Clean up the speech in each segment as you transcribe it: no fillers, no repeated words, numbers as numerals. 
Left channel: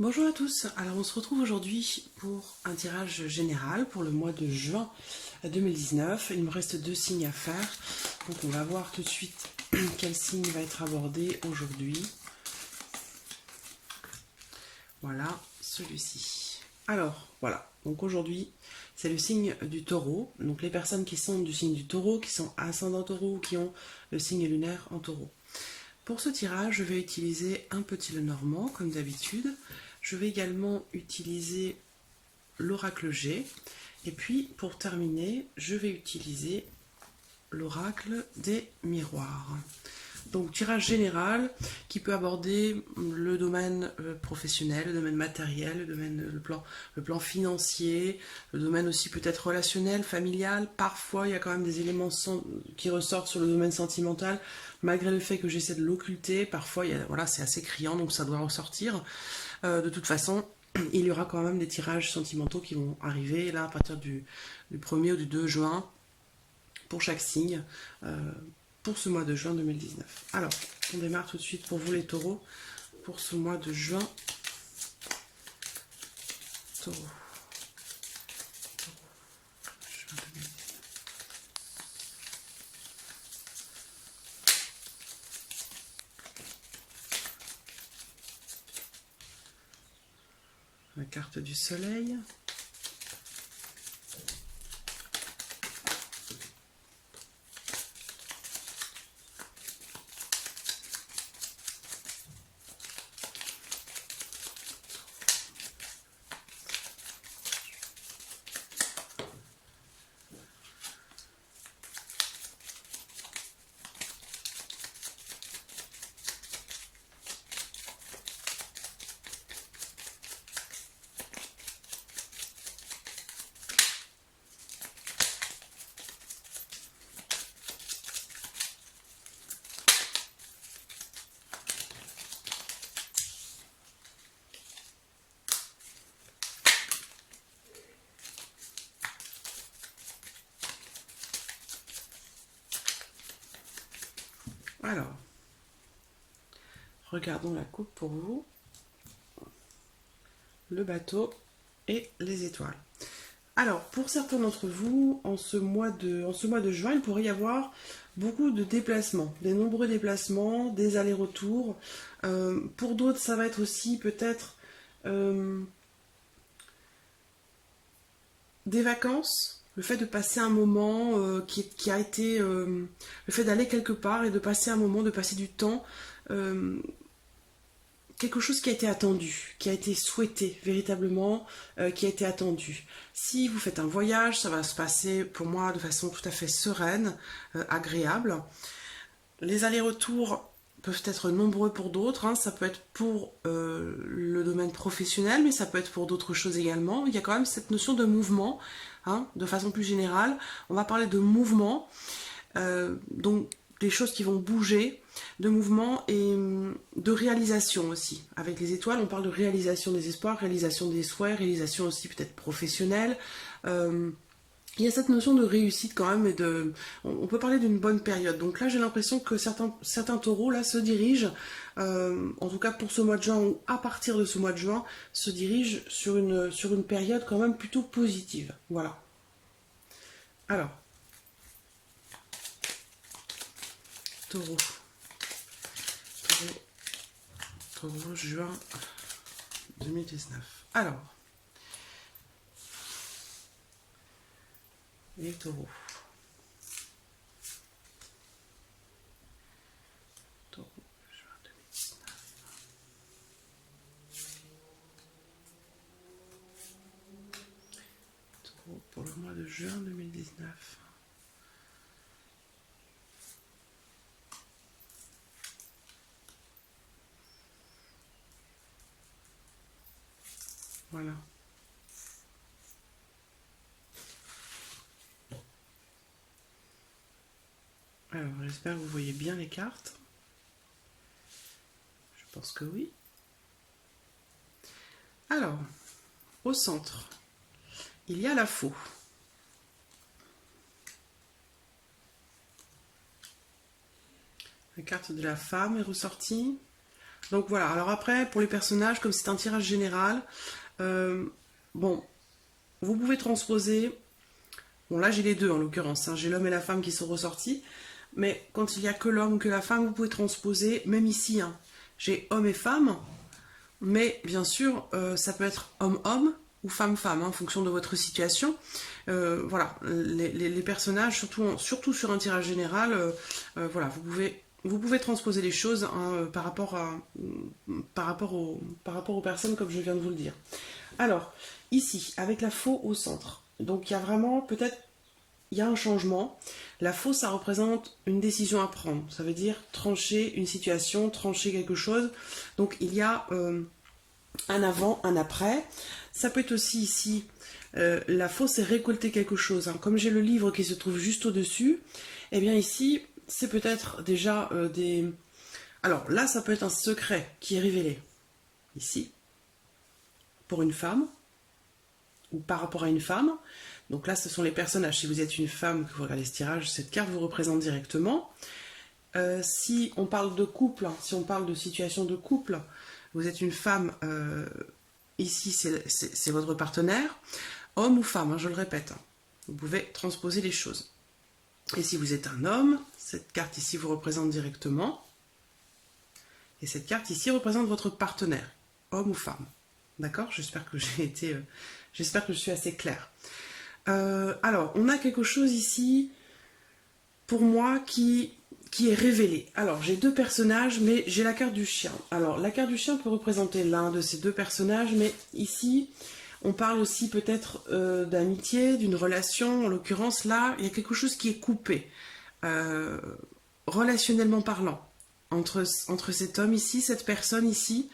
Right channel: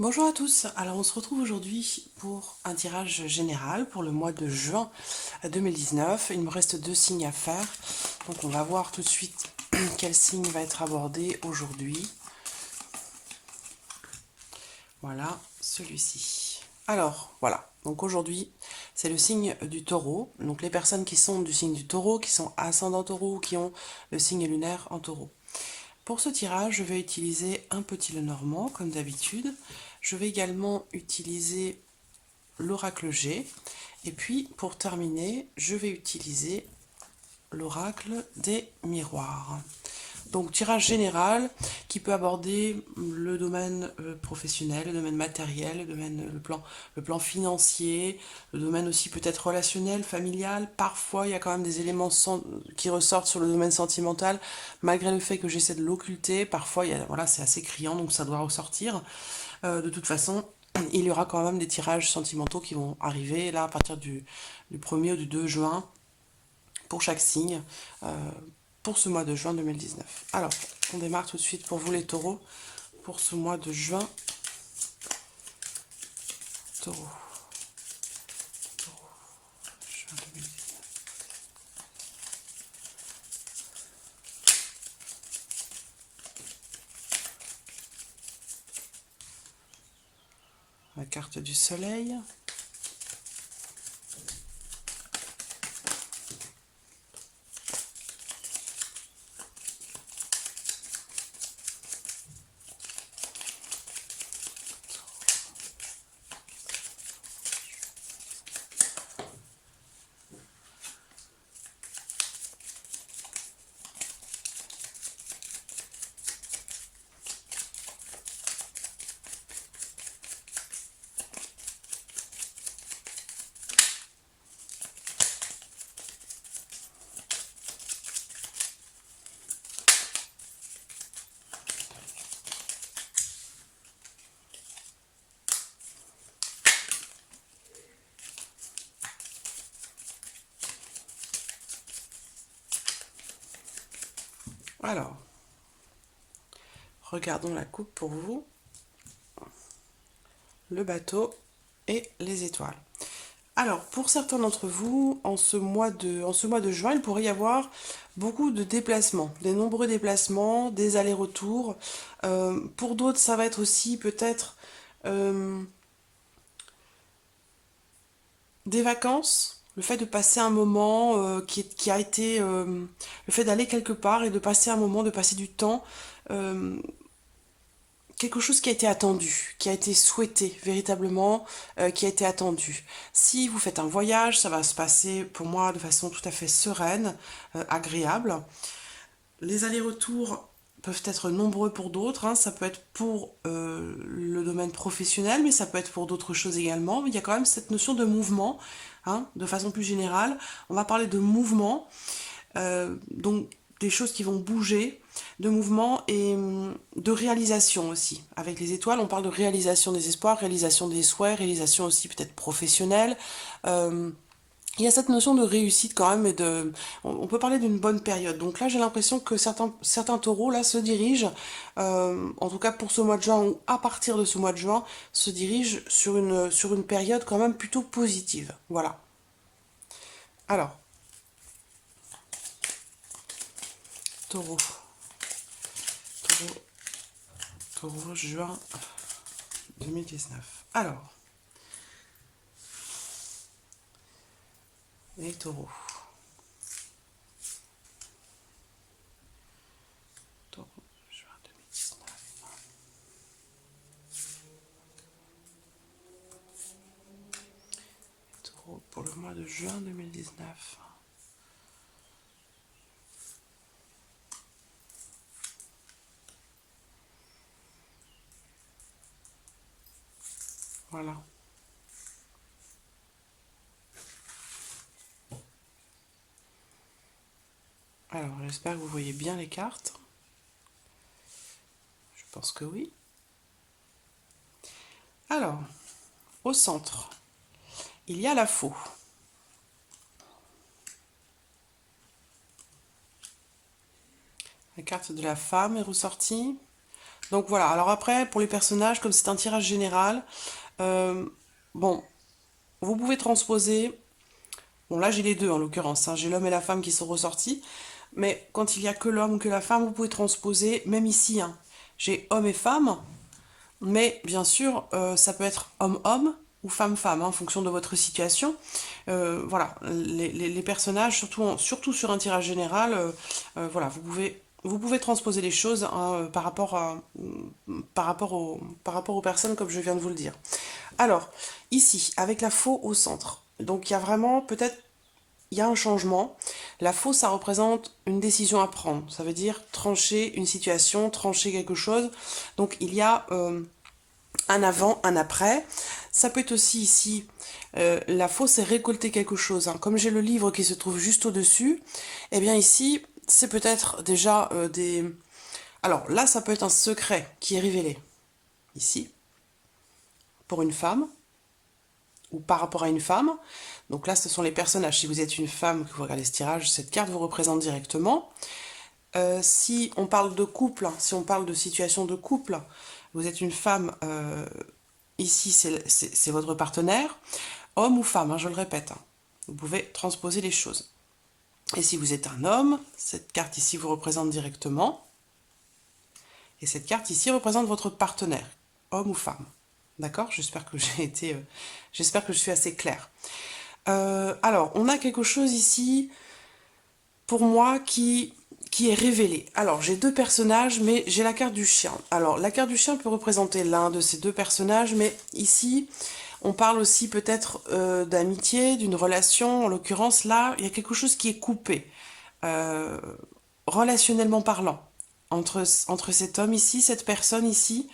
Bonjour à tous, alors on se retrouve aujourd'hui pour un tirage général pour le mois de juin 2019. Il me reste 2 signes à faire, donc on va voir tout de suite quel signe va être abordé aujourd'hui. Voilà, celui-ci. Alors, voilà, donc aujourd'hui c'est le signe du taureau, donc les personnes qui sont du signe du taureau, qui sont ascendant taureau ou qui ont le signe lunaire en taureau. Pour ce tirage, je vais utiliser un petit Lenormand, comme d'habitude. Je vais également utiliser l'oracle G. Et puis, pour terminer, je vais utiliser l'oracle des miroirs. Donc, tirage général qui peut aborder le domaine professionnel, le domaine matériel, le plan financier, le domaine aussi peut-être relationnel, familial. Parfois, il y a quand même des éléments qui ressortent sur le domaine sentimental, malgré le fait que j'essaie de l'occulter. Parfois, voilà, c'est assez criant, donc ça doit ressortir. De toute façon, il y aura quand même des tirages sentimentaux qui vont arriver là à partir du 1er ou du 2 juin pour chaque signe pour ce mois de juin 2019. Alors, on démarre tout de suite pour vous les taureaux pour ce mois de juin. Taureau. Taureau. Juin 2019. La carte du soleil. Alors, regardons la coupe pour vous, le bateau et les étoiles. Alors, pour certains d'entre vous, en ce mois de juin, il pourrait y avoir beaucoup de déplacements, des nombreux déplacements, des allers-retours. Pour d'autres, ça va être aussi peut-être euh, des vacances, le fait de passer un moment qui a été... le fait d'aller quelque part et de passer un moment, de passer du temps, euh, quelque chose qui a été attendu, qui a été souhaité véritablement, qui a été attendu. Si vous faites un voyage, ça va se passer pour moi de façon tout à fait sereine, agréable. Les allers-retours peuvent être nombreux pour d'autres, hein. Ça peut être pour le domaine professionnel, mais ça peut être pour d'autres choses également. Il y a quand même cette notion de mouvement, hein, de façon plus générale. On va parler de mouvement, donc des choses qui vont bouger, de mouvement et de réalisation aussi. Avec les étoiles, on parle de réalisation des espoirs, réalisation des souhaits, réalisation aussi peut-être professionnelle. Euh, il y a cette notion de réussite quand même et on peut parler d'une bonne période. Donc là, j'ai l'impression que certains taureaux là se dirigent, en tout cas pour ce mois de juin ou à partir de ce mois de juin, se dirigent sur une période quand même plutôt positive. Voilà. Alors, taureau, taureau, taureau, juin 2019. Alors, les taureaux. Taureau, juin 2019. Taureau pour le mois de juin 2019. Voilà. Alors, j'espère que vous voyez bien les cartes. Je pense que oui. Alors, au centre, il y a la faux. La carte de la femme est ressortie. Donc voilà, alors après, pour les personnages, comme c'est un tirage général, euh, bon, vous pouvez transposer, bon là j'ai les deux en l'occurrence, hein, j'ai l'homme et la femme qui sont ressortis, mais quand il n'y a que l'homme ou que la femme, vous pouvez transposer, même ici, hein, j'ai homme et femme, mais bien sûr, ça peut être homme-homme ou femme-femme, hein, en fonction de votre situation. Voilà, les personnages, surtout sur un tirage général, voilà, vous pouvez transposer les choses, hein, par rapport aux personnes, comme je viens de vous le dire. Alors, ici, avec la faux au centre, donc il y a vraiment peut-être il y a un changement. La faux, ça représente une décision à prendre. Ça veut dire trancher une situation, trancher quelque chose. Donc il y a un avant, un après. Ça peut être aussi ici, la faux, c'est récolter quelque chose, hein. Comme j'ai le livre qui se trouve juste au-dessus, eh bien ici, c'est peut-être déjà des... Alors là, ça peut être un secret qui est révélé. Ici, pour une femme, ou par rapport à une femme. Donc là, ce sont les personnages. Si vous êtes une femme, que vous regardez ce tirage, cette carte vous représente directement. Si on parle de couple, si on parle de situation de couple, vous êtes une femme, ici c'est votre partenaire, homme ou femme, hein, je le répète. Hein. Vous pouvez transposer les choses. Et si vous êtes un homme, cette carte ici vous représente directement. Et cette carte ici représente votre partenaire, homme ou femme. D'accord? J'espère que je suis assez claire. Alors, on a quelque chose ici, pour moi, qui est révélé. Alors, j'ai deux personnages, mais j'ai la carte du chien. Alors, la carte du chien peut représenter l'un de ces deux personnages, mais ici, on parle aussi peut-être d'amitié, d'une relation. En l'occurrence, là, il y a quelque chose qui est coupé, euh, relationnellement parlant, entre cet homme ici, cette personne ici,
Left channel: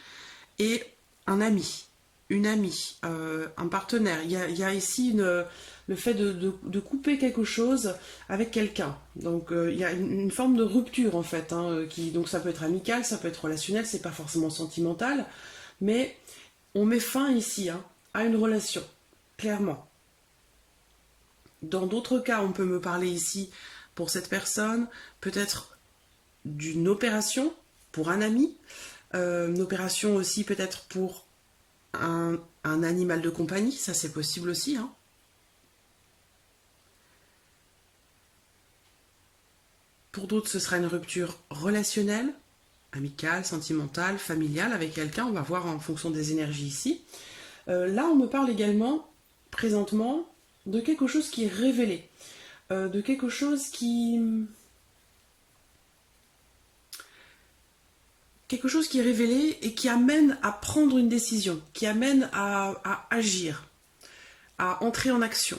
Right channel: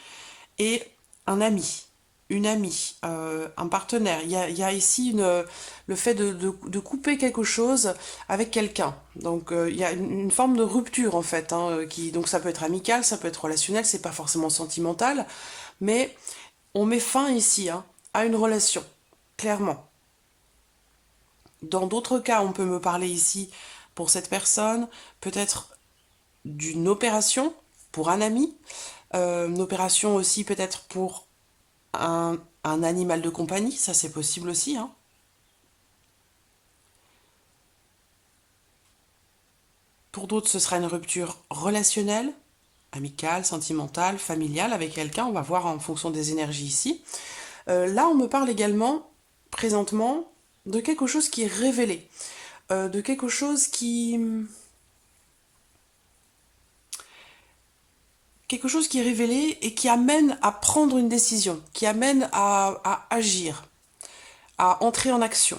et un ami, une amie, un partenaire. Il y a ici le fait de couper quelque chose avec quelqu'un. Donc il y a une forme de rupture en fait, hein, donc ça peut être amical, ça peut être relationnel, c'est pas forcément sentimental, mais on met fin ici, hein, à une relation, clairement. Dans d'autres cas, on peut me parler ici pour cette personne, peut-être d'une opération pour un ami, une opération aussi peut-être pour un animal de compagnie, ça c'est possible aussi. Hein. Pour d'autres, ce sera une rupture relationnelle, amicale, sentimentale, familiale avec quelqu'un. On va voir en fonction des énergies ici. Là, on me parle également, présentement, de quelque chose qui est révélé. De quelque chose qui est révélé et qui amène à prendre une décision, qui amène à agir, à entrer en action.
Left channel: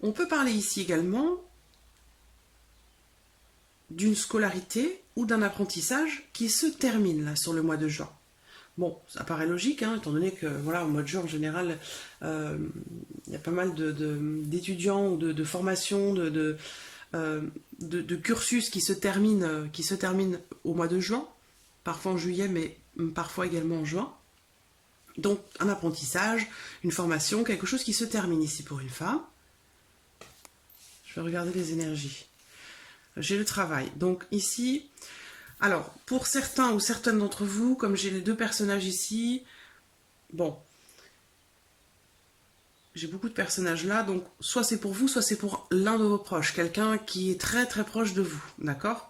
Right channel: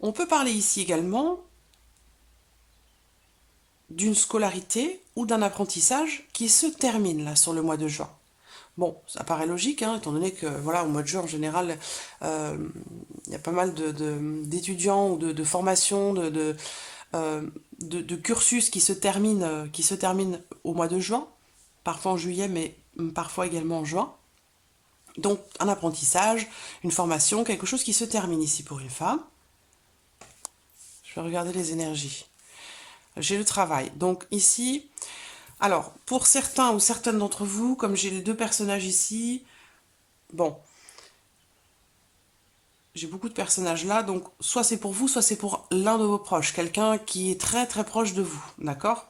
On peut parler ici également d'une scolarité ou d'un apprentissage qui se termine là sur le mois de juin. Bon, ça paraît logique, hein, étant donné que voilà, au mois de juin en général, euh, il y a pas mal d'étudiants ou de formations, de cursus qui se terminent au mois de juin, parfois en juillet, mais parfois également en juin. Donc un apprentissage, une formation, quelque chose qui se termine ici pour une femme. Je vais regarder les énergies. J'ai le travail. Donc ici, alors pour certains ou certaines d'entre vous, comme j'ai les deux personnages ici, bon, j'ai beaucoup de personnages là, donc soit c'est pour vous, soit c'est pour l'un de vos proches, quelqu'un qui est très très proche de vous, d'accord?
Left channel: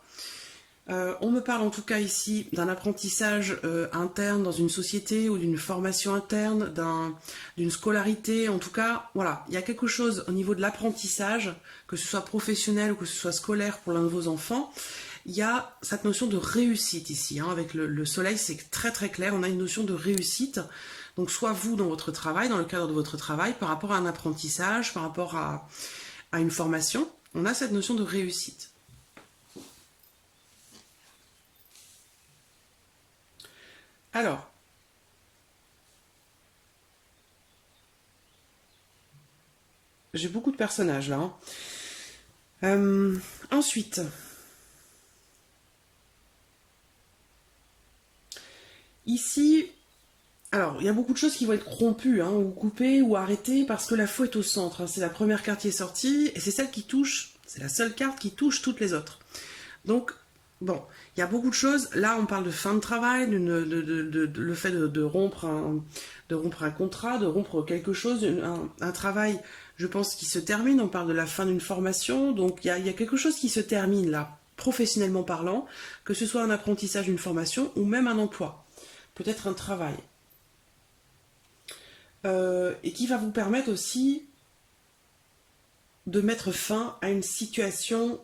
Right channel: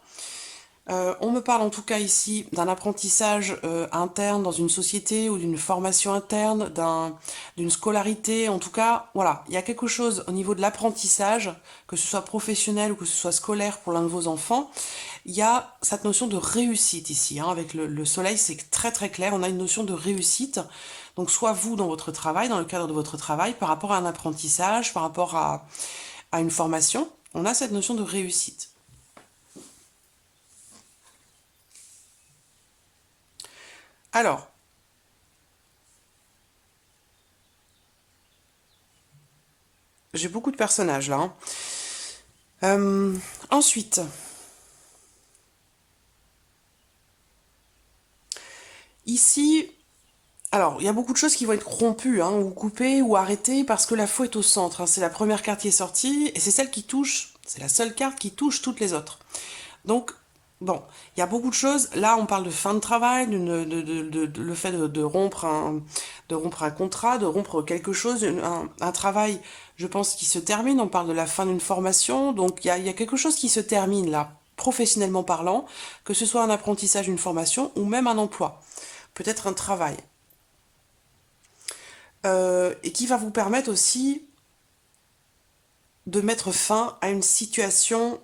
On me parle en tout cas ici d'un apprentissage interne dans une société ou d'une formation interne, d'une scolarité. En tout cas, voilà, il y a quelque chose au niveau de l'apprentissage, que ce soit professionnel ou que ce soit scolaire pour l'un de vos enfants. Il y a cette notion de réussite ici. Hein, avec le soleil, c'est très très clair. On a une notion de réussite. Donc soit vous dans votre travail, dans le cadre de votre travail, par rapport à un apprentissage, par rapport à une formation, on a cette notion de réussite. Alors, j'ai beaucoup de personnages là. Hein. Ensuite, ici, alors il y a beaucoup de choses qui vont être rompues, hein, ou coupées, ou arrêtées, parce que la faux est au centre. Hein. C'est la première carte qui est sortie, et c'est celle qui touche, c'est la seule carte qui touche toutes les autres. Donc, bon, il y a beaucoup de choses. Là, on parle de fin de travail, le fait de rompre un contrat, de rompre quelque chose, un travail, je pense, qui se termine. On parle de la fin d'une formation. Donc, il y a quelque chose qui se termine là, professionnellement parlant, que ce soit un apprentissage, une formation ou même un emploi, peut-être un travail. Et qui va vous permettre aussi de mettre fin à une situation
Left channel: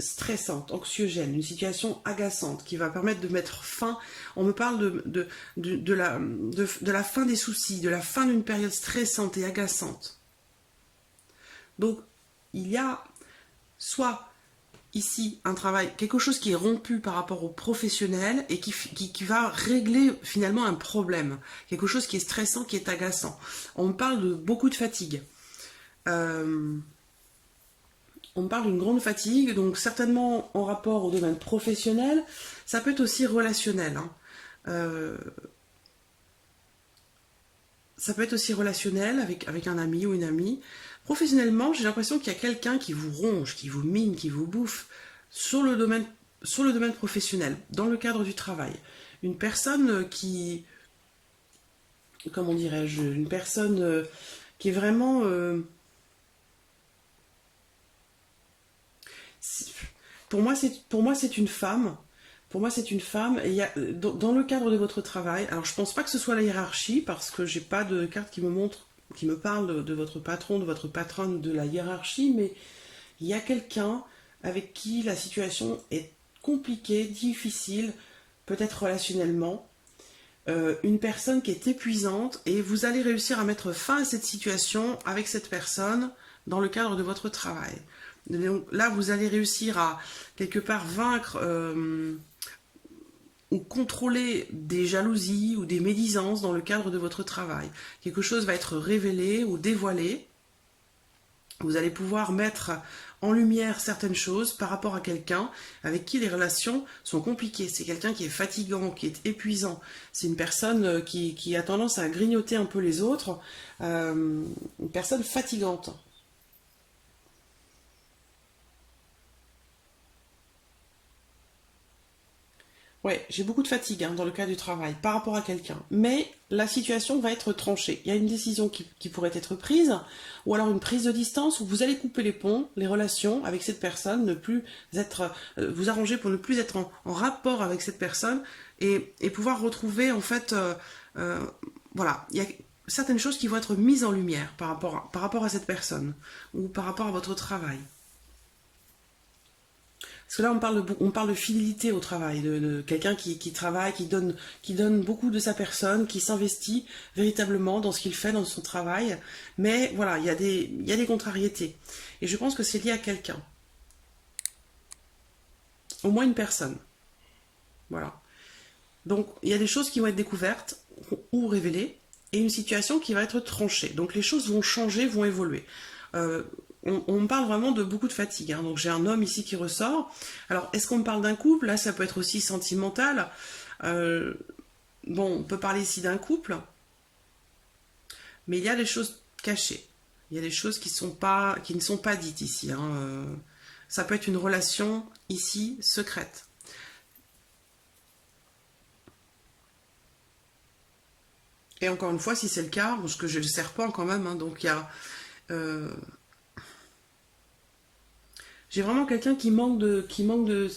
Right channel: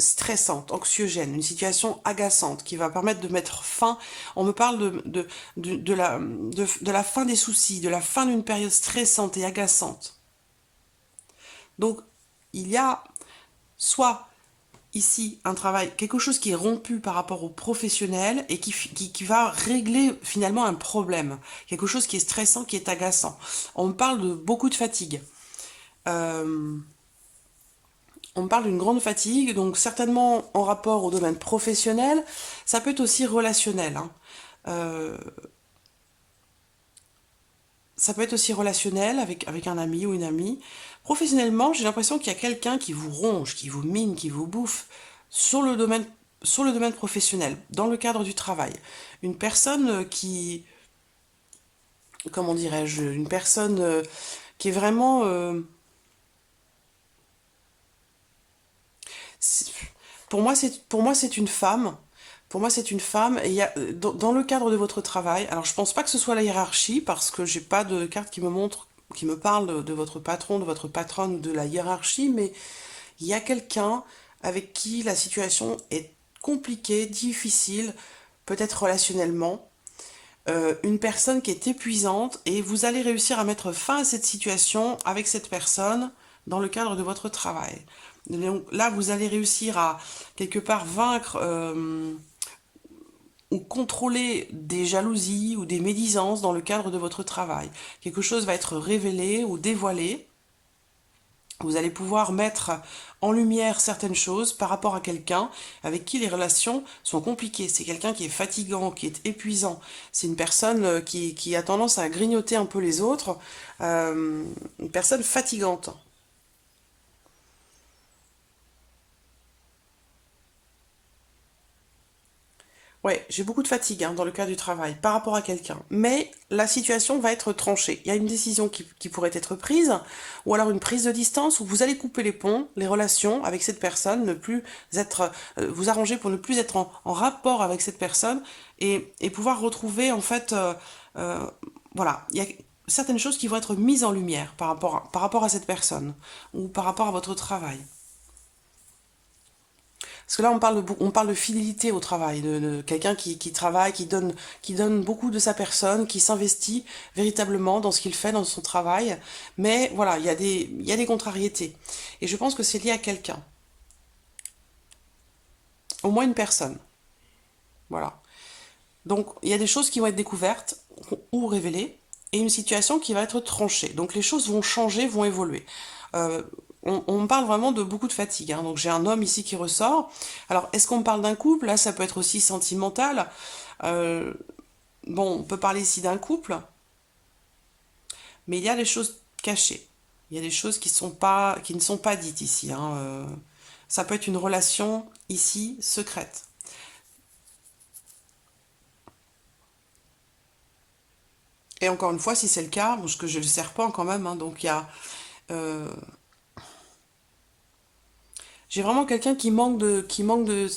stressante, anxiogène, une situation agaçante, qui va permettre de mettre fin, on me parle de la fin des soucis, de la fin d'une période stressante et agaçante. Donc, il y a soit ici un travail, quelque chose qui est rompu par rapport au professionnel et qui va régler finalement un problème, quelque chose qui est stressant, qui est agaçant. On me parle de beaucoup de fatigue. Euh, On parle d'une grande fatigue, donc certainement en rapport au domaine professionnel, ça peut être aussi relationnel, hein. Euh, Ça peut être aussi relationnel avec un ami ou une amie. Professionnellement, j'ai l'impression qu'il y a quelqu'un qui vous ronge, qui vous mine, qui vous bouffe sur sur le domaine professionnel, dans le cadre du travail. Une personne comment dirais-je, une personne qui est vraiment... pour moi, c'est une femme. Pour moi, c'est une femme. Et il y a, dans le cadre de votre travail, alors je pense pas que ce soit la hiérarchie, parce que j'ai pas de carte qui me montre, qui me parle de votre patron, de votre patronne ou de la hiérarchie, mais il y a quelqu'un avec qui la situation est compliquée, difficile, peut-être relationnellement. Une personne qui est épuisante et vous allez réussir à mettre fin à cette situation avec cette personne dans le cadre de votre travail. Donc là, vous allez réussir à quelque part vaincre ou contrôler des jalousies ou des médisances dans le cadre de votre travail. Quelque chose va être révélé ou dévoilé. Vous allez pouvoir mettre en lumière certaines choses par rapport à quelqu'un avec qui les relations sont compliquées. C'est quelqu'un qui est fatigant, qui est épuisant. C'est une personne qui a tendance à grignoter un peu les autres. Une personne fatigante. Ouais, j'ai beaucoup de fatigue hein, dans le cas du travail par rapport à quelqu'un. Mais la situation va être tranchée. Il y a une décision qui pourrait être prise, ou alors une prise de distance où vous allez couper les ponts, les relations avec cette personne, ne plus être, vous arranger pour ne plus être en rapport avec cette personne et pouvoir retrouver en fait, euh, voilà, il y a certaines choses qui vont être mises en lumière par rapport à cette personne ou par rapport à votre travail. Parce que là, on parle de fidélité au travail, de quelqu'un qui travaille, qui donne beaucoup de sa personne, qui s'investit véritablement dans ce qu'il fait, dans son travail. Mais voilà, il y a des contrariétés. Et je pense que c'est lié à quelqu'un. Au moins une personne. Voilà. Donc, il y a des choses qui vont être découvertes ou révélées et une situation qui va être tranchée. Donc, les choses vont changer, vont évoluer. Euh, on me parle vraiment de beaucoup de fatigue, hein. Donc, j'ai un homme ici qui ressort. Alors, est-ce qu'on me parle d'un couple? Là, ça peut être aussi sentimental. Euh, bon, on peut parler ici d'un couple, mais il y a des choses cachées. Il y a des choses qui ne sont pas dites ici, hein. Ça peut être une relation ici secrète. Et encore une fois, si c'est le cas, parce que j'ai le serpent quand même, hein, donc il y a, euh, j'ai vraiment quelqu'un qui manque de,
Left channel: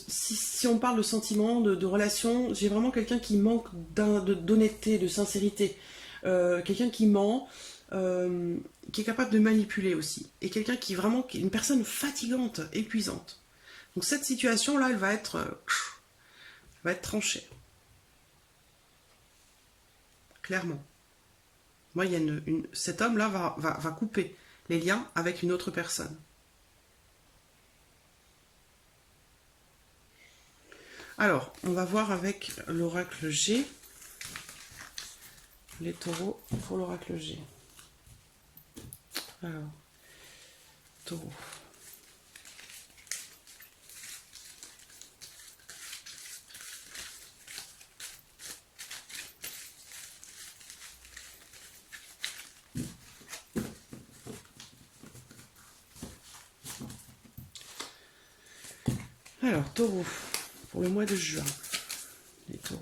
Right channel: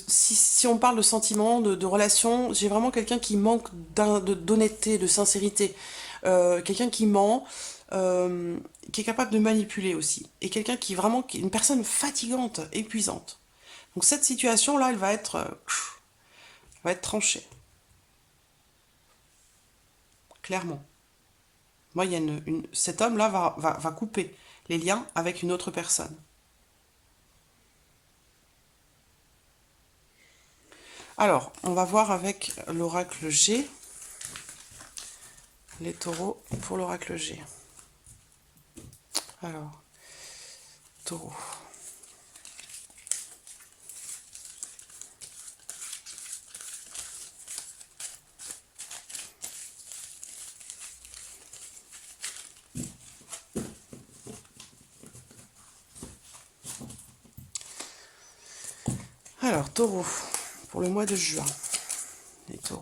si on parle de sentiments, de relations, j'ai vraiment quelqu'un qui manque d'honnêteté, de sincérité. Quelqu'un qui ment, euh, qui est capable de manipuler aussi. Et quelqu'un qui est une personne fatigante, épuisante. Donc cette situation-là, va être tranchée, clairement. Moi, il y a cet homme-là va couper les liens avec une autre personne. Alors, on va voir avec l'oracle G, les taureaux pour l'oracle G. Alors, taureau. Alors, taureau, pour le mois de juin. Les taureaux.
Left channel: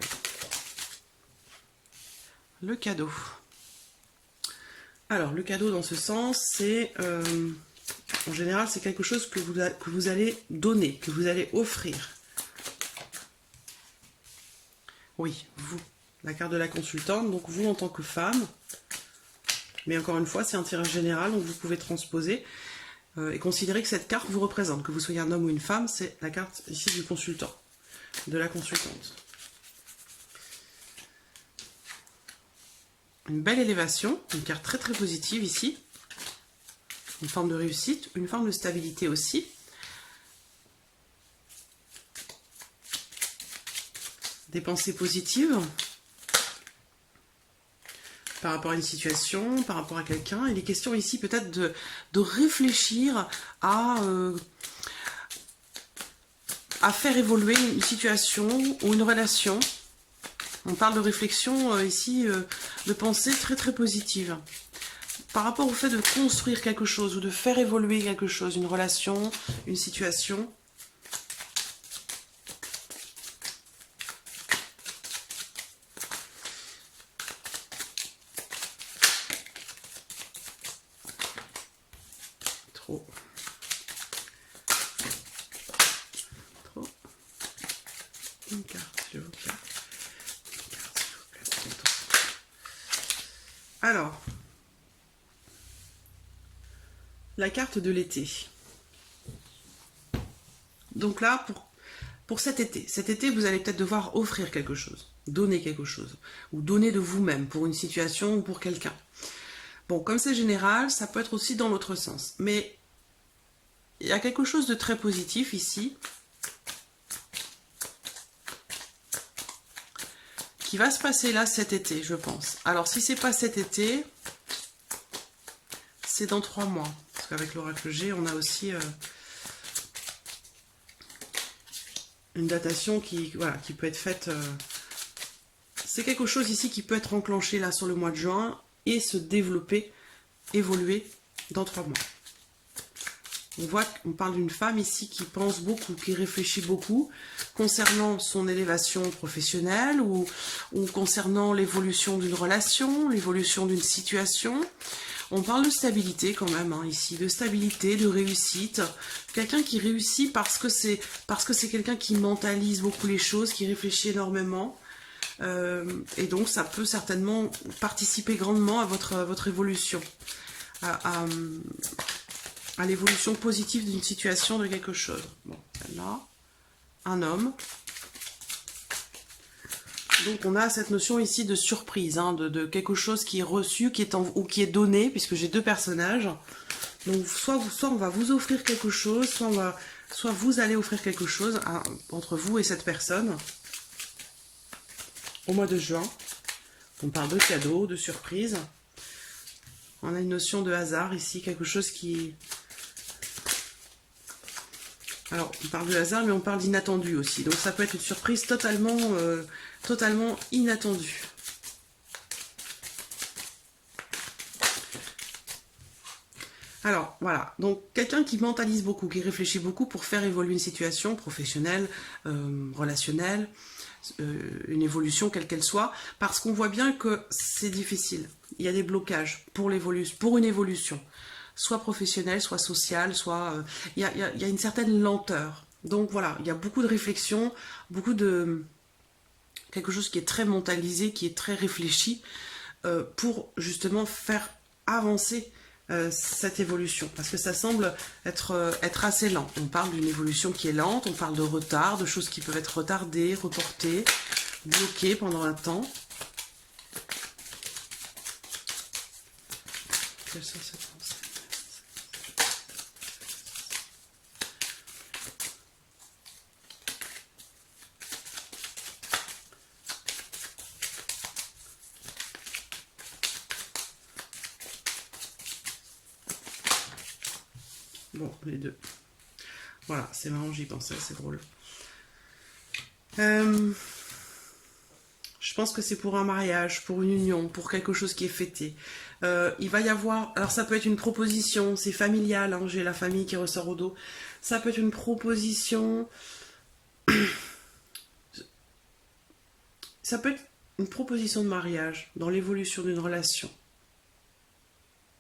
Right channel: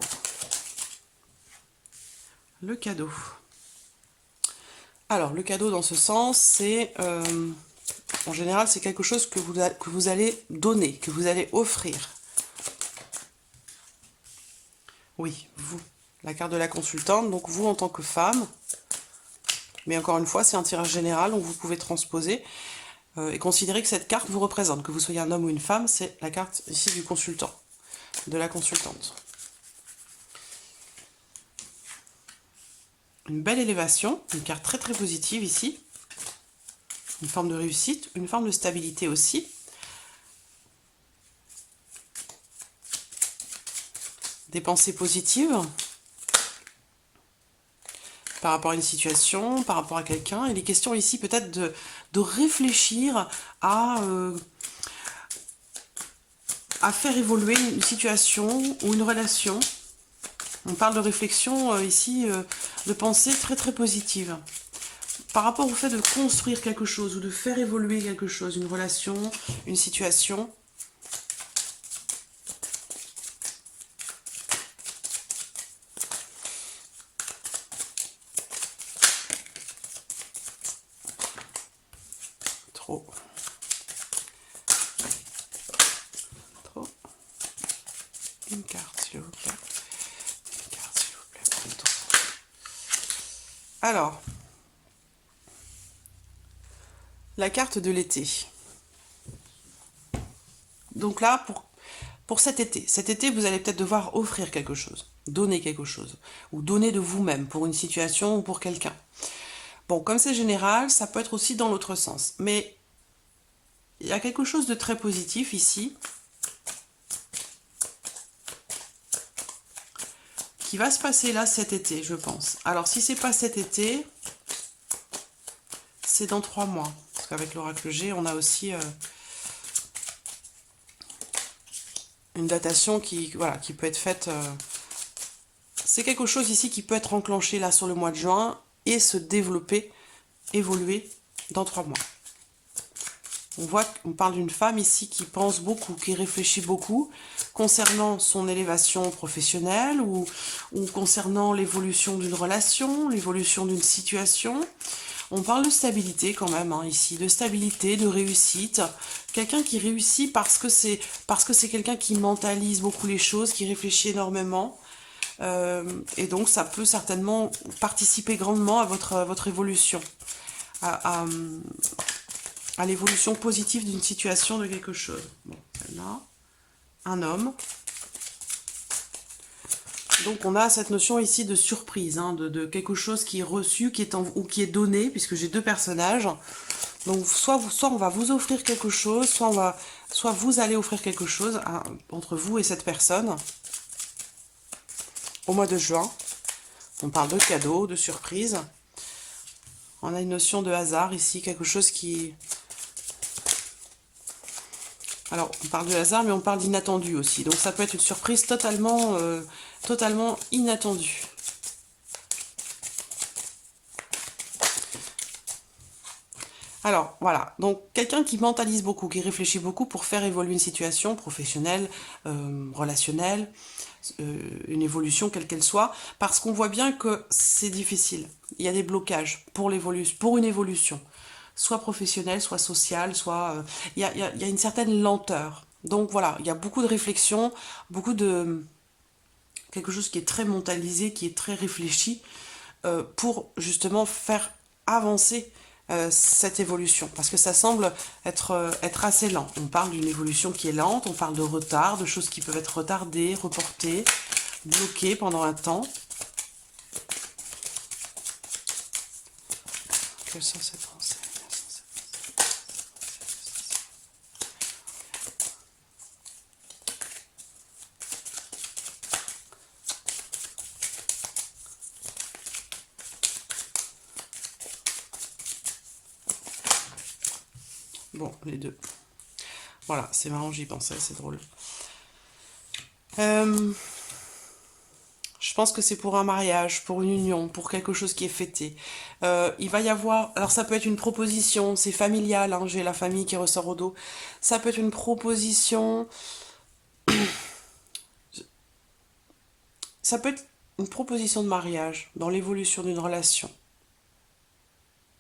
Le cadeau. Alors, le cadeau dans ce sens, c'est... en général, c'est quelque chose que vous allez donner, que vous allez offrir. Oui, vous, la carte de la consultante, donc vous en tant que femme. Mais encore une fois, c'est un tirage général, donc vous pouvez transposer et considérer que cette carte vous représente. Que vous soyez un homme ou une femme, c'est la carte ici du consultant, de la consultante. Une belle élévation, une carte très très positive ici. Une forme de réussite, une forme de stabilité aussi. Des pensées positives par rapport à une situation, par rapport à quelqu'un. Il est question ici peut-être de réfléchir à faire évoluer une situation ou une relation. On parle de réflexion ici, de pensée très très positive. Par rapport au fait de construire quelque chose ou de faire évoluer quelque chose, une relation, une situation. Trop. Une carte, s'il vous plaît. Une carte, s'il vous plaît. Alors, la carte de l'été. Donc là, pour cet été, vous allez peut-être devoir offrir quelque chose, donner quelque chose, ou donner de vous-même pour une situation ou pour quelqu'un. Bon, comme c'est général, ça peut être aussi dans l'autre sens. Mais il y a quelque chose de très positif ici, qui va se passer là cet été, je pense. Alors, si c'est pas cet été, c'est dans 3 mois. Parce qu'avec l'oracle G, on a aussi une datation qui peut être faite. C'est quelque chose ici qui peut être enclenché là sur le mois de juin et se développer, évoluer dans 3 mois. On voit qu'on parle d'une femme ici qui pense beaucoup, qui réfléchit beaucoup concernant son élévation professionnelle ou concernant l'évolution d'une relation, l'évolution d'une situation. On parle de stabilité quand même, hein, ici, de stabilité, de réussite. Quelqu'un qui réussit parce que c'est quelqu'un qui mentalise beaucoup les choses, qui réfléchit énormément. Et donc ça peut certainement participer grandement à votre évolution, à l'évolution positive d'une situation, de quelque chose. Bon, celle-là, un homme. Donc on a cette notion ici de surprise, hein, de quelque chose qui est reçu, ou qui est donné, puisque j'ai 2 personnages. Donc soit on va vous offrir quelque chose, soit vous allez offrir quelque chose entre vous et cette personne. Au mois de juin, on parle de cadeaux, de surprise. On a une notion de hasard ici, quelque chose qui... Alors, on parle de hasard, mais on parle d'inattendu aussi. Donc, ça peut être une surprise totalement inattendue. Alors, voilà. Donc, quelqu'un qui mentalise beaucoup, qui réfléchit beaucoup pour faire évoluer une situation professionnelle, relationnelle, une évolution quelle qu'elle soit, parce qu'on voit bien que c'est difficile. Il y a des blocages pour une évolution, soit professionnelle, soit sociale, soit... il y a une certaine lenteur. Donc voilà, il y a beaucoup de réflexion, beaucoup de... quelque chose qui est très mentalisé, qui est très réfléchi, pour justement faire avancer cette évolution, parce que ça semble être assez lent. On parle d'une évolution qui est lente, on parle de retard, de choses qui peuvent être retardées, reportées, bloquées pendant un temps. Quelles sont ces pensées ? Bon, les deux. Voilà, c'est marrant, j'y pensais, c'est drôle. Je pense que c'est pour un mariage, pour une union, pour quelque chose qui est fêté. Il va y avoir... Alors ça peut être une proposition, c'est familial, hein, j'ai la famille qui ressort au dos. Ça peut être une proposition Ça peut être une proposition de mariage dans l'évolution d'une relation.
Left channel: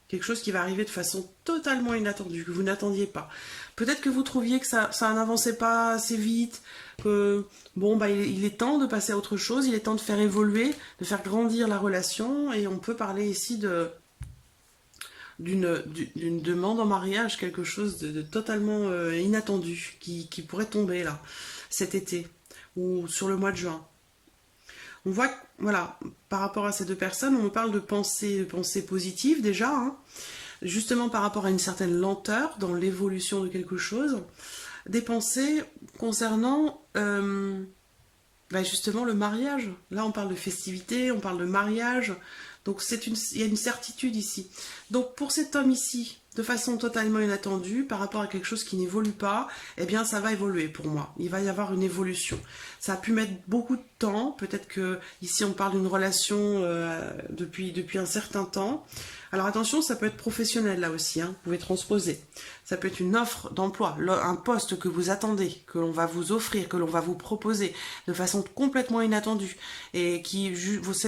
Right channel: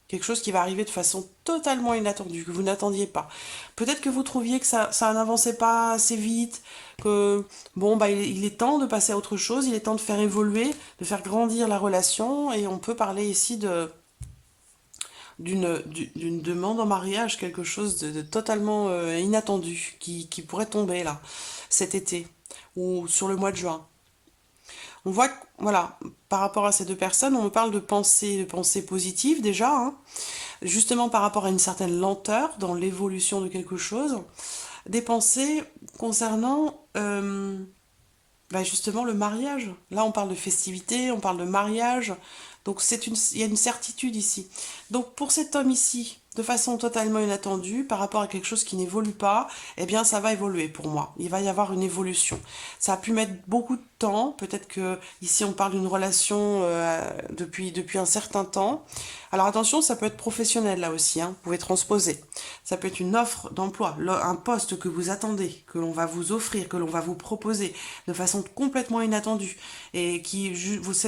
Quelque chose qui va arriver de façon totalement inattendue, que vous n'attendiez pas. Peut-être que vous trouviez que ça n'avançait pas assez vite, que bon, bah, il est temps de passer à autre chose, il est temps de faire évoluer, de faire grandir la relation, et on peut parler ici d'une demande en mariage, quelque chose de totalement inattendu qui pourrait tomber là, cet été, ou sur le mois de juin. On voit que, voilà, par rapport à ces deux personnes, on me parle de pensées positives déjà, hein, justement par rapport à une certaine lenteur dans l'évolution de quelque chose, des pensées concernant bah justement le mariage. Là, on parle de festivité, on parle de mariage, donc il y a une certitude ici. Donc pour cet homme ici, de façon totalement inattendue, par rapport à quelque chose qui n'évolue pas, eh bien ça va évoluer pour moi. Il va y avoir une évolution. Ça a pu mettre beaucoup de temps. Peut-être que ici on parle d'une relation depuis un certain temps. Alors attention, ça peut être professionnel là aussi, hein. Vous pouvez transposer. Ça peut être une offre d'emploi, un poste que vous attendez, que l'on va vous offrir, que l'on va vous proposer de façon complètement inattendue et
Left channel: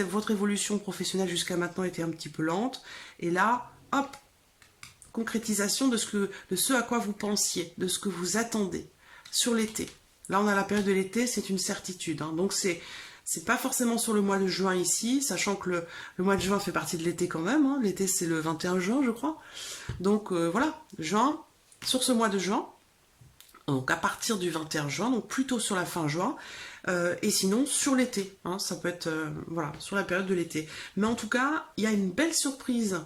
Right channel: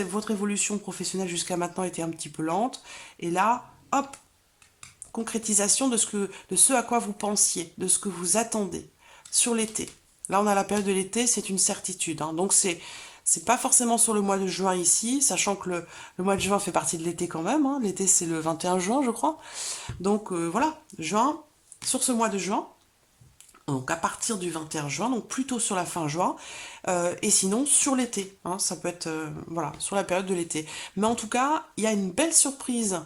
votre évolution professionnelle jusqu'à maintenant était un petit peu lente. Et là, hop, concrétisation de ce à quoi vous pensiez, de ce que vous attendez sur l'été. Là, on a la période de l'été, c'est une certitude, hein. Donc, c'est pas forcément sur le mois de juin ici, sachant que le mois de juin fait partie de l'été quand même, hein. L'été, c'est le 21 juin, je crois. Donc, voilà, juin, sur ce mois de juin, donc à partir du 21 juin, donc plutôt sur la fin juin, et sinon sur l'été, hein, ça peut être voilà, sur la période de l'été. Mais en tout cas, il y a une belle surprise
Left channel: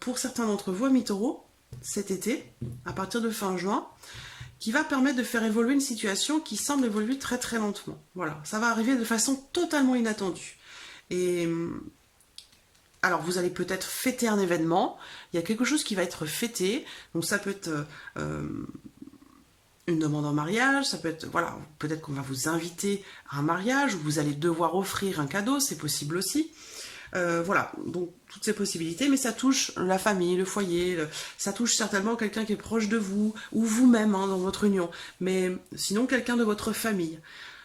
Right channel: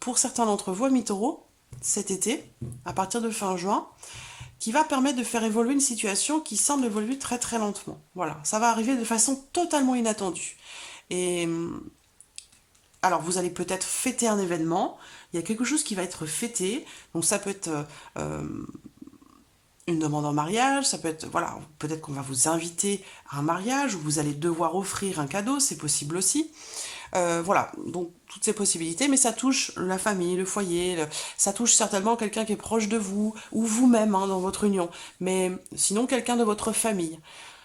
pour certains d'entre vous, amis taureaux, cet été, à partir de fin juin, qui va permettre de faire évoluer une situation qui semble évoluer très très lentement. Voilà, ça va arriver de façon totalement inattendue. Et alors vous allez peut-être fêter un événement, il y a quelque chose qui va être fêté, donc ça peut être une demande en mariage, ça peut être, voilà, peut-être qu'on va vous inviter à un mariage, ou vous allez devoir offrir un cadeau, c'est possible aussi. Voilà, donc toutes ces possibilités, mais ça touche la famille, le foyer, ça touche certainement quelqu'un qui est proche de vous, ou vous-même hein, dans votre union, mais sinon quelqu'un de votre famille.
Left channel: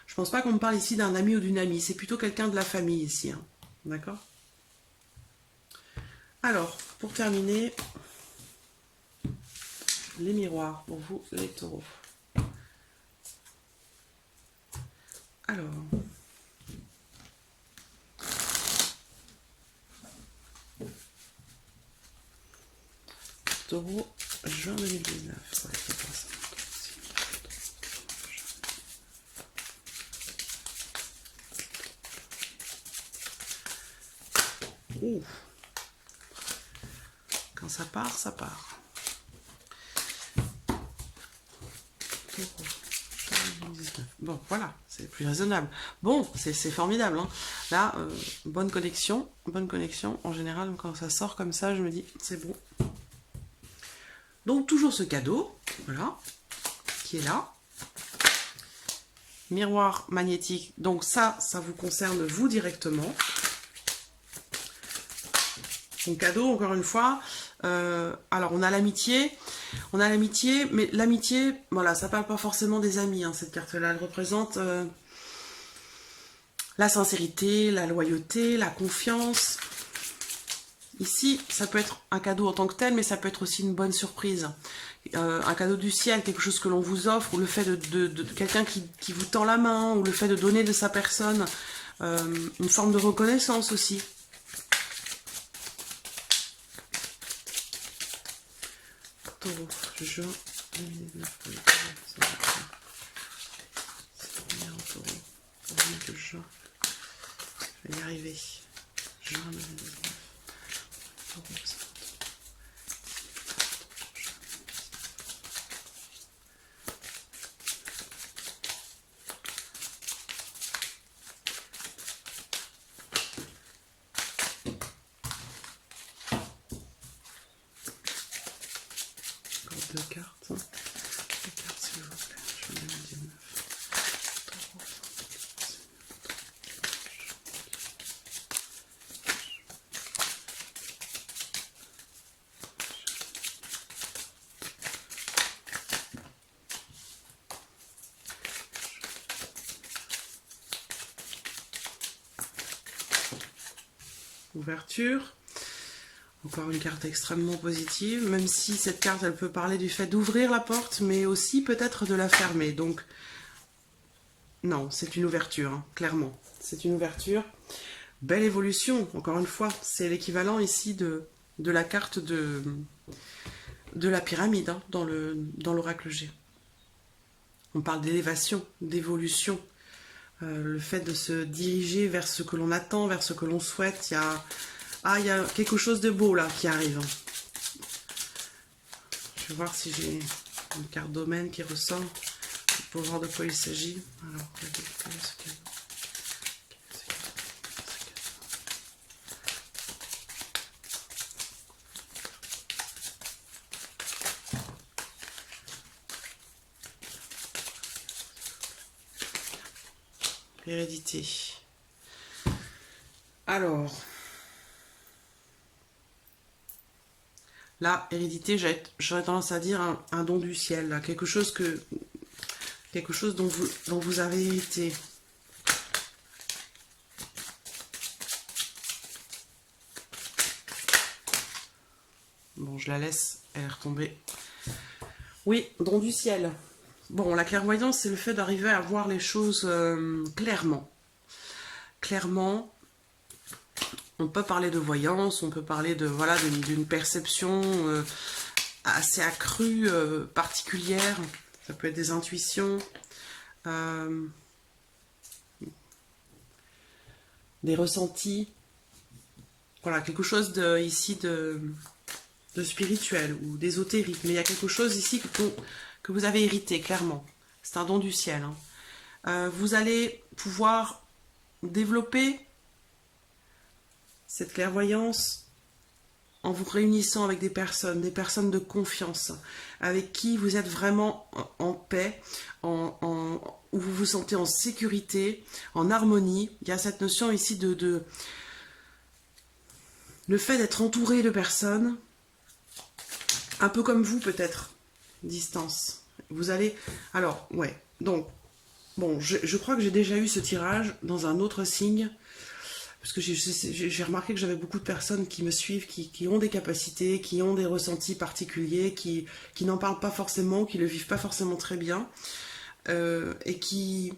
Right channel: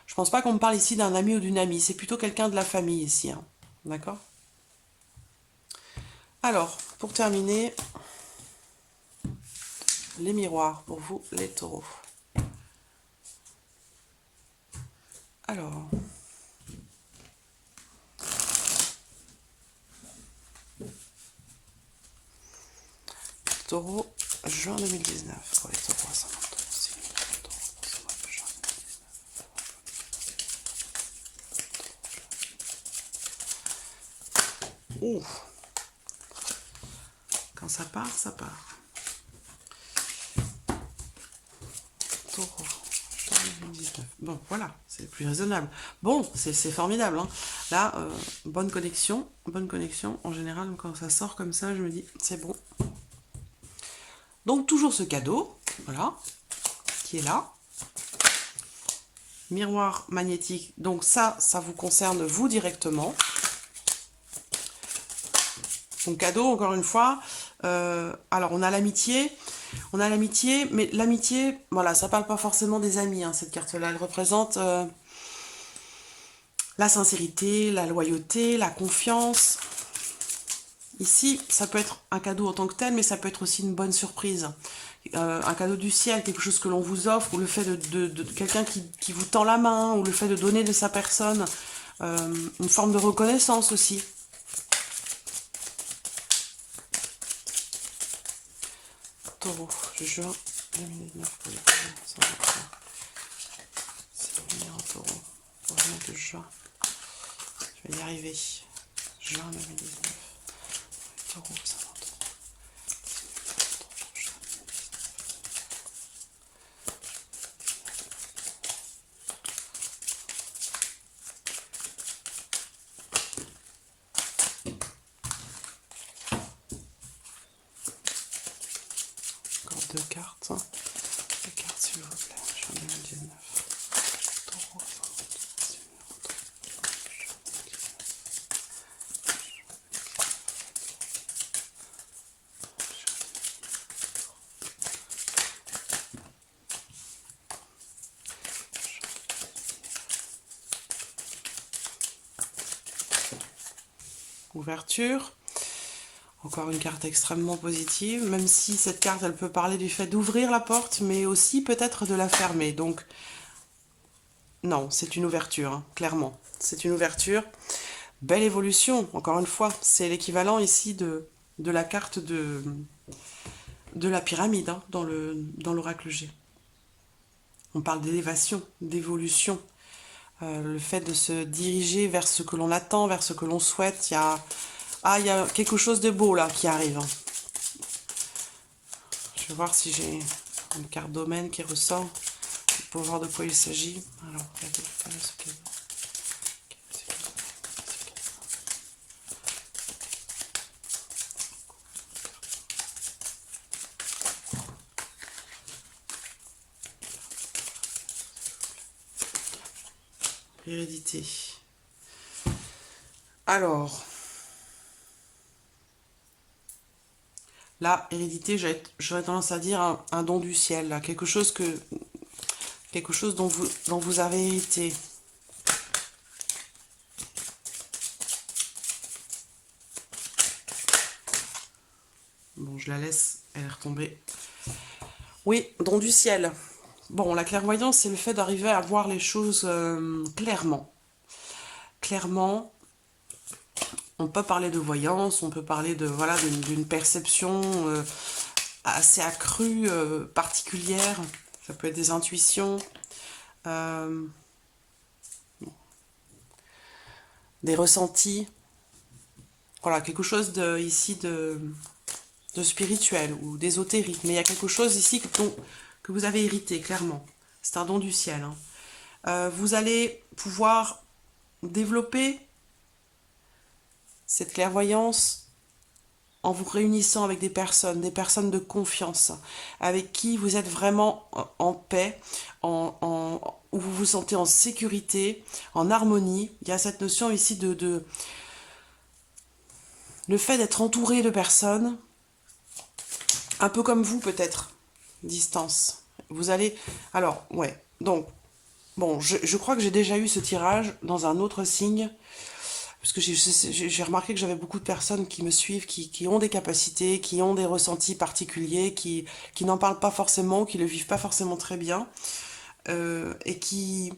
Je pense pas qu'on me parle ici d'un ami ou d'une amie, c'est plutôt quelqu'un de la famille ici, hein. D'accord? Alors, pour terminer, les miroirs pour vous, les taureaux. Alors, taureau, juin 2019. Pour les taureaux, ça Ouh. Quand ça part, ça part. Taureau, 2019. Bon, voilà, c'est plus raisonnable. Bon, c'est formidable, hein. Là, bonne connexion, bonne connexion. En général, quand ça sort comme ça, je me dis, c'est bon. Donc, toujours ce cadeau, voilà, qui est là. Miroir magnétique, donc ça vous concerne vous directement. Donc cadeau, encore une fois. Alors on a l'amitié, mais l'amitié, voilà, ça parle pas forcément des amis, hein, cette carte-là. Elle représente la sincérité, la loyauté, la confiance. Ici, ça peut être un cadeau en tant que tel, mais ça peut être aussi une bonne surprise. Un cadeau du ciel, quelque chose que l'on vous offre, ou le fait de quelqu'un qui vous tend la main, ou le fait de donner de sa personne, une forme de reconnaissance aussi. Taureau, juin 2019 pour les taureaux. C'est bien un taureau. Pour le mois de juin. Je vais y arriver. Juin 2019. Taureau, ça va. Encore deux cartes. Deux cartes, s'il vous plaît. Juin 2019. Taureau, ça va. ouverture. Encore une carte extrêmement positive, même si cette carte, elle peut parler du fait d'ouvrir la porte, mais aussi peut-être de la fermer. Donc, non, c'est une ouverture, hein, clairement. C'est une ouverture. Belle évolution, encore une fois. C'est l'équivalent ici de la carte de la pyramide, hein, dans l'oracle G. On parle d'élévation, d'évolution. Le fait de se diriger vers ce que l'on attend, vers ce que l'on souhaite. Il y a quelque chose de beau là qui arrive. Je vais voir si j'ai une carte domaine qui ressort pour voir de quoi il s'agit. Alors, hérédité. Alors, là, hérédité, j'aurais tendance à dire un don du ciel, là, quelque chose dont vous avez hérité. Bon, je la laisse, elle est retombée. Oui, don du ciel. Bon, la clairvoyance, c'est le fait d'arriver à voir les choses clairement. Clairement, on peut parler de voyance, on peut parler de voilà d'une perception assez accrue, particulière. Ça peut être des intuitions, des ressentis. Voilà, quelque chose ici de spirituel ou d'ésotérique. Mais il y a quelque chose ici que vous avez hérité, clairement. C'est un don du ciel. Hein. Vous allez pouvoir développer cette clairvoyance en vous réunissant avec des personnes de confiance, avec qui vous êtes vraiment en paix, où vous vous sentez en sécurité, en harmonie. Il y a cette notion ici le fait d'être entouré de personnes, un peu comme vous peut-être, distance. Vous allez... Alors, ouais, donc, bon, je crois que j'ai déjà eu ce tirage dans un autre signe, parce que j'ai remarqué que j'avais beaucoup de personnes qui me suivent, qui ont des capacités, qui ont des ressentis particuliers, qui n'en parlent pas forcément, qui le vivent pas forcément très bien, et qui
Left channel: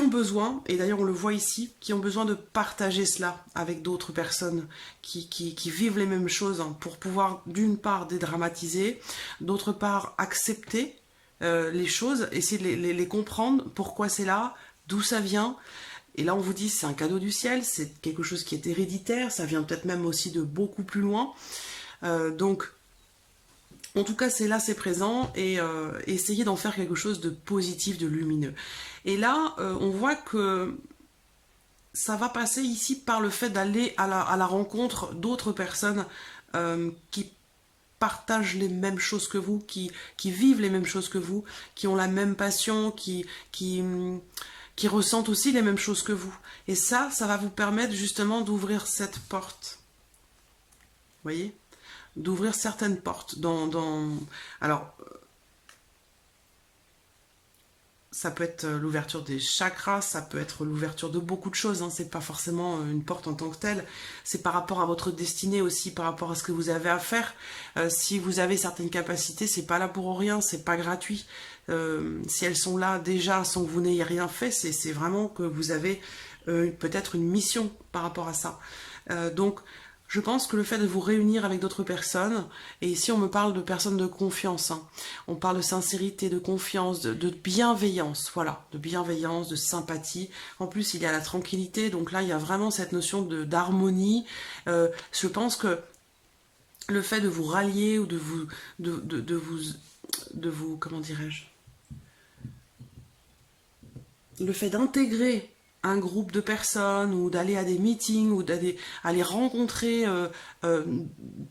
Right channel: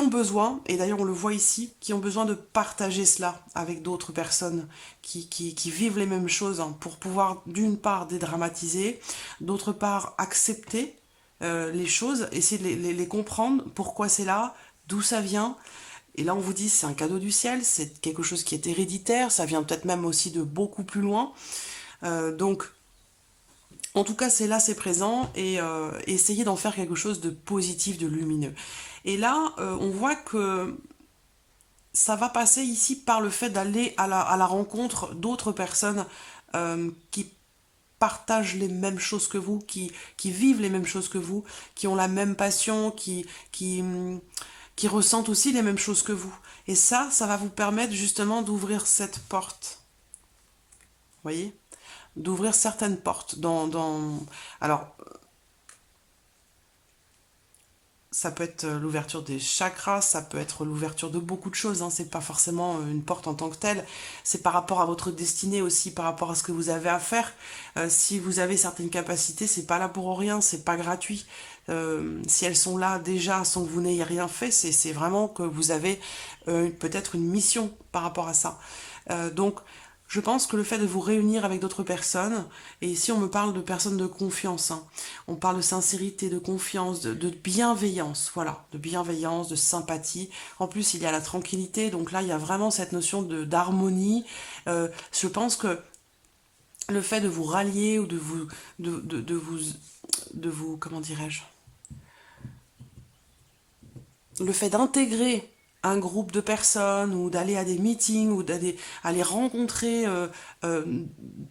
ont besoin, et d'ailleurs on le voit ici, qui ont besoin de partager cela avec d'autres personnes qui vivent les mêmes choses, hein, pour pouvoir d'une part dédramatiser, d'autre part accepter les choses, essayer de les comprendre, pourquoi c'est là, d'où ça vient. Et là, on vous dit, c'est un cadeau du ciel, c'est quelque chose qui est héréditaire, ça vient peut-être même aussi de beaucoup plus loin. Donc, en tout cas, c'est là, c'est présent, et essayez d'en faire quelque chose de positif, de lumineux. Et là, on voit que ça va passer ici par le fait d'aller à la rencontre d'autres personnes qui partagent les mêmes choses que vous, qui vivent les mêmes choses que vous, qui ont la même passion, qui ressentent aussi les mêmes choses que vous. Et ça va vous permettre justement d'ouvrir cette porte. Vous voyez ? D'ouvrir certaines portes. Alors, ça peut être l'ouverture des chakras, ça peut être l'ouverture de beaucoup de choses, hein. C'est pas forcément une porte en tant que telle, c'est par rapport à votre destinée aussi, par rapport à ce que vous avez à faire. Si vous avez certaines capacités, c'est pas là pour rien, c'est pas gratuit. Si elles sont là déjà sans que vous n'ayez rien fait, c'est vraiment que vous avez peut-être une mission par rapport à ça. Donc, je pense que le fait de vous réunir avec d'autres personnes, et ici on me parle de personnes de confiance, hein, on parle de sincérité, de confiance, de bienveillance, voilà, de bienveillance, de sympathie. En plus, il y a la tranquillité, donc là, il y a vraiment cette notion d'harmonie. Je pense que le fait de vous rallier ou de vous, comment dirais-je, le fait d'intégrer un groupe de personnes ou d'aller à des meetings ou aller rencontrer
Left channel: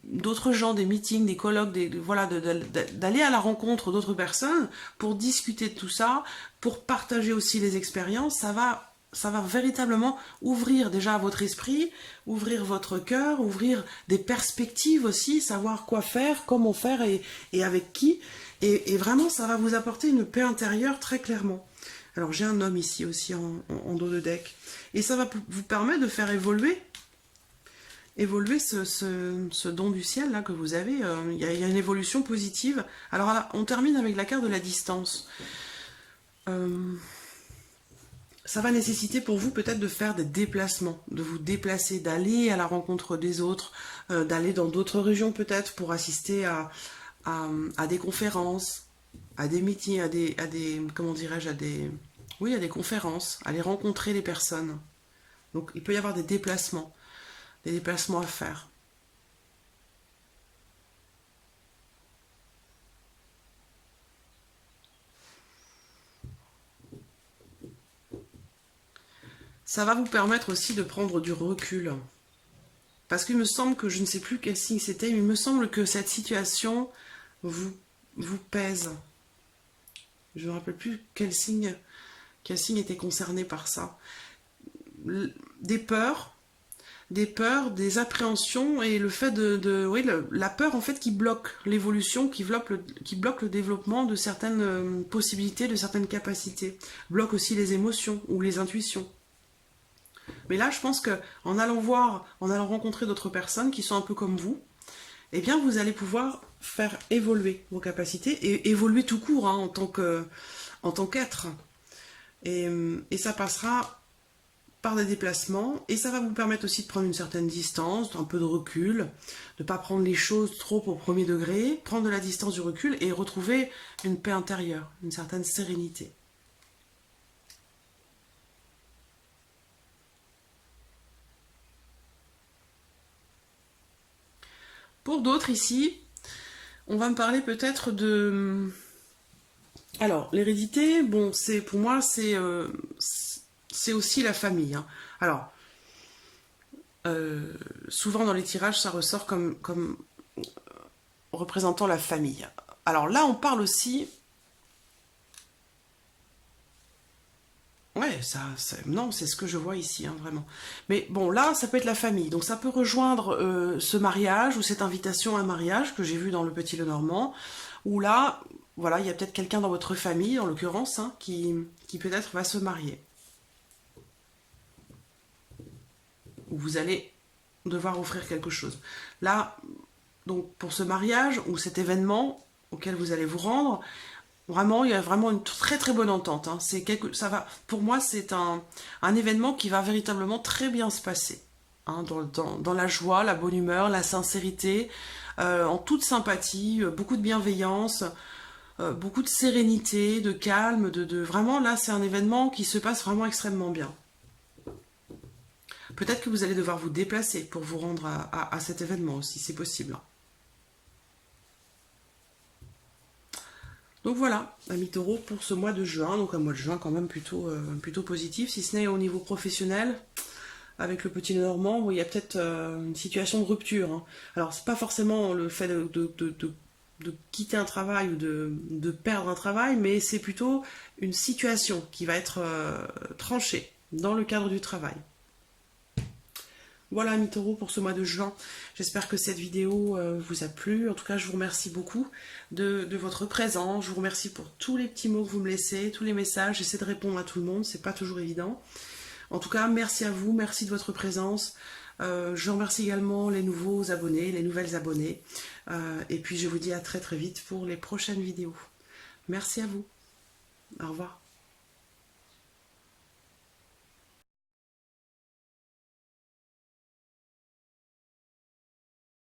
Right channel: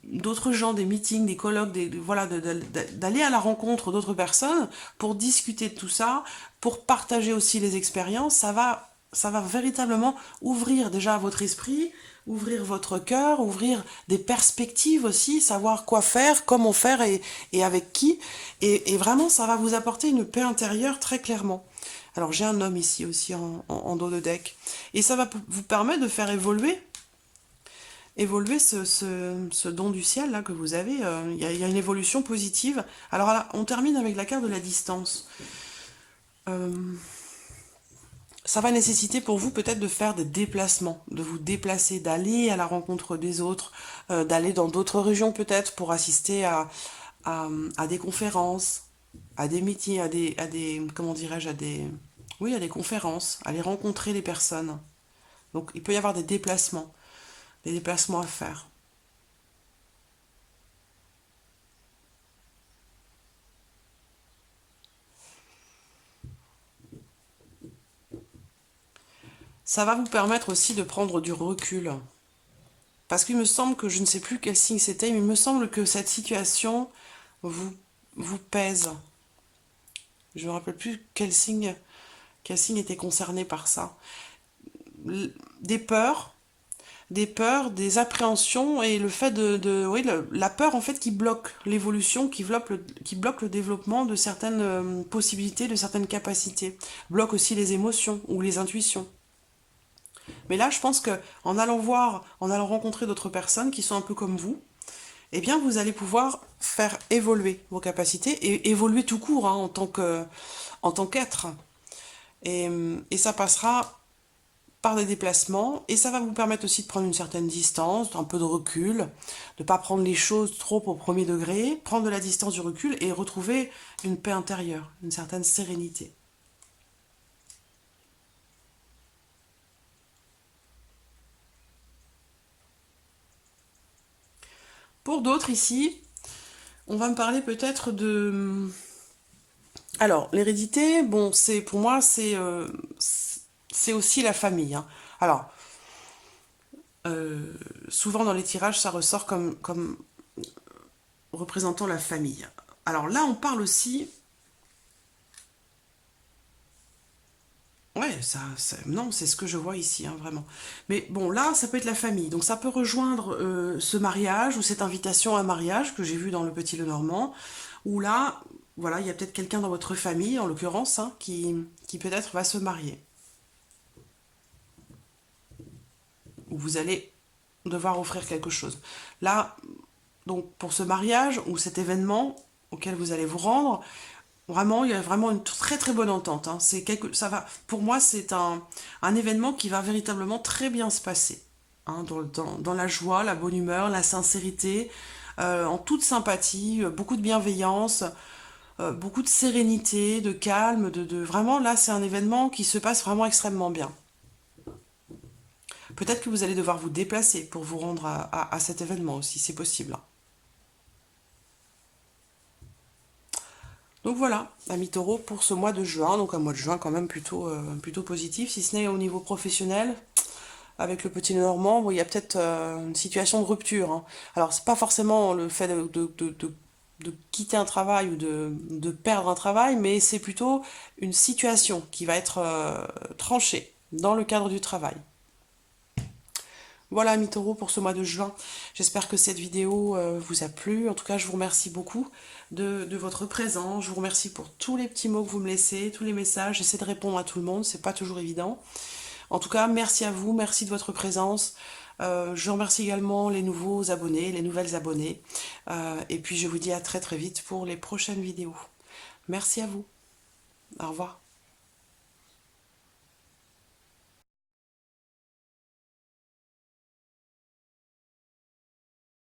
d'autres gens, des meetings, des colloques, voilà, d'aller à la rencontre d'autres personnes pour discuter de tout ça, pour partager aussi les expériences, ça va véritablement ouvrir déjà votre esprit, ouvrir votre cœur, ouvrir des perspectives aussi, savoir quoi faire, comment faire et avec qui. Et vraiment, ça va vous apporter une paix intérieure très clairement. Alors j'ai un homme ici aussi en dos de deck. Et ça va vous permettre de faire évoluer évoluer ce don du ciel là que vous avez. Il y a une évolution positive. Alors là, on termine avec la carte de la distance. Euh, Ça va nécessiter pour vous peut-être de faire des déplacements, de vous déplacer, d'aller à la rencontre des autres, d'aller dans d'autres régions peut-être pour assister à des conférences, à des meetings, comment dirais-je, oui, à des conférences, aller rencontrer les personnes. Donc il peut y avoir des déplacements à faire. Ça va vous permettre aussi de prendre du recul. Parce qu'il me semble que je ne sais plus quel signe c'était, mais il me semble que cette situation vous, vous pèse. Je ne me rappelle plus quel signe était concerné par ça. Des peurs, des appréhensions et le fait oui, la peur en fait qui bloque l'évolution, qui bloque le développement de certaines possibilités, de certaines capacités, bloque aussi les émotions ou les intuitions. Mais là, je pense que en allant rencontrer d'autres personnes qui sont un peu comme vous, eh bien, vous allez pouvoir faire évoluer vos capacités et évoluer tout court hein, en tant qu'être. Et ça passera par des déplacements et ça va vous permettre aussi de prendre une certaine distance, un peu de recul, de ne pas prendre les choses trop au premier degré, prendre de la distance, du recul et retrouver une paix intérieure, une certaine sérénité. Pour d'autres ici, on va me parler peut-être de... Alors, l'hérédité, bon, c'est pour moi, c'est aussi la famille. Hein. Alors, souvent dans les tirages, ça ressort comme représentant la famille. Alors là, on parle aussi. Ouais, non, c'est ce que je vois ici, hein, vraiment. Mais bon, là, ça peut être la famille. Donc ça peut rejoindre ce mariage ou cette invitation à un mariage que j'ai vu dans le Petit Lenormand, où là, voilà, il y a peut-être quelqu'un dans votre famille, en l'occurrence, hein, qui peut-être va se marier. Ou vous allez devoir offrir quelque chose. Là, donc pour ce mariage ou cet événement auquel vous allez vous rendre, vraiment, il y a vraiment une très très bonne entente. Hein. Ça va, pour moi, c'est un événement qui va véritablement très bien se passer. Hein, dans la joie, la bonne humeur, la sincérité, en toute sympathie, beaucoup de bienveillance, beaucoup de sérénité, de calme, vraiment là, c'est un événement qui se passe vraiment extrêmement bien. Peut-être que vous allez devoir vous déplacer pour vous rendre à cet événement aussi, c'est possible. Donc voilà, amis taureau, pour ce mois de juin, donc un mois de juin quand même plutôt positif, si ce n'est au niveau professionnel, avec le petit Normand, où il y a peut-être une situation de rupture. Hein. Alors c'est pas forcément le fait de quitter un travail ou de perdre un travail, mais c'est plutôt une situation qui va être tranchée dans le cadre du travail. Voilà, amis taureaux, pour ce mois de juin. J'espère que cette vidéo vous a plu. En tout cas, je vous remercie beaucoup de votre présence. Je vous remercie pour tous les petits mots que vous me laissez, tous les messages. J'essaie de répondre à tout le monde, c'est pas toujours évident. En tout cas, merci à vous, merci de votre présence. Je remercie également les nouveaux abonnés, les nouvelles abonnées. Et puis, je vous dis à très très vite pour les prochaines vidéos. Merci à vous. Au revoir.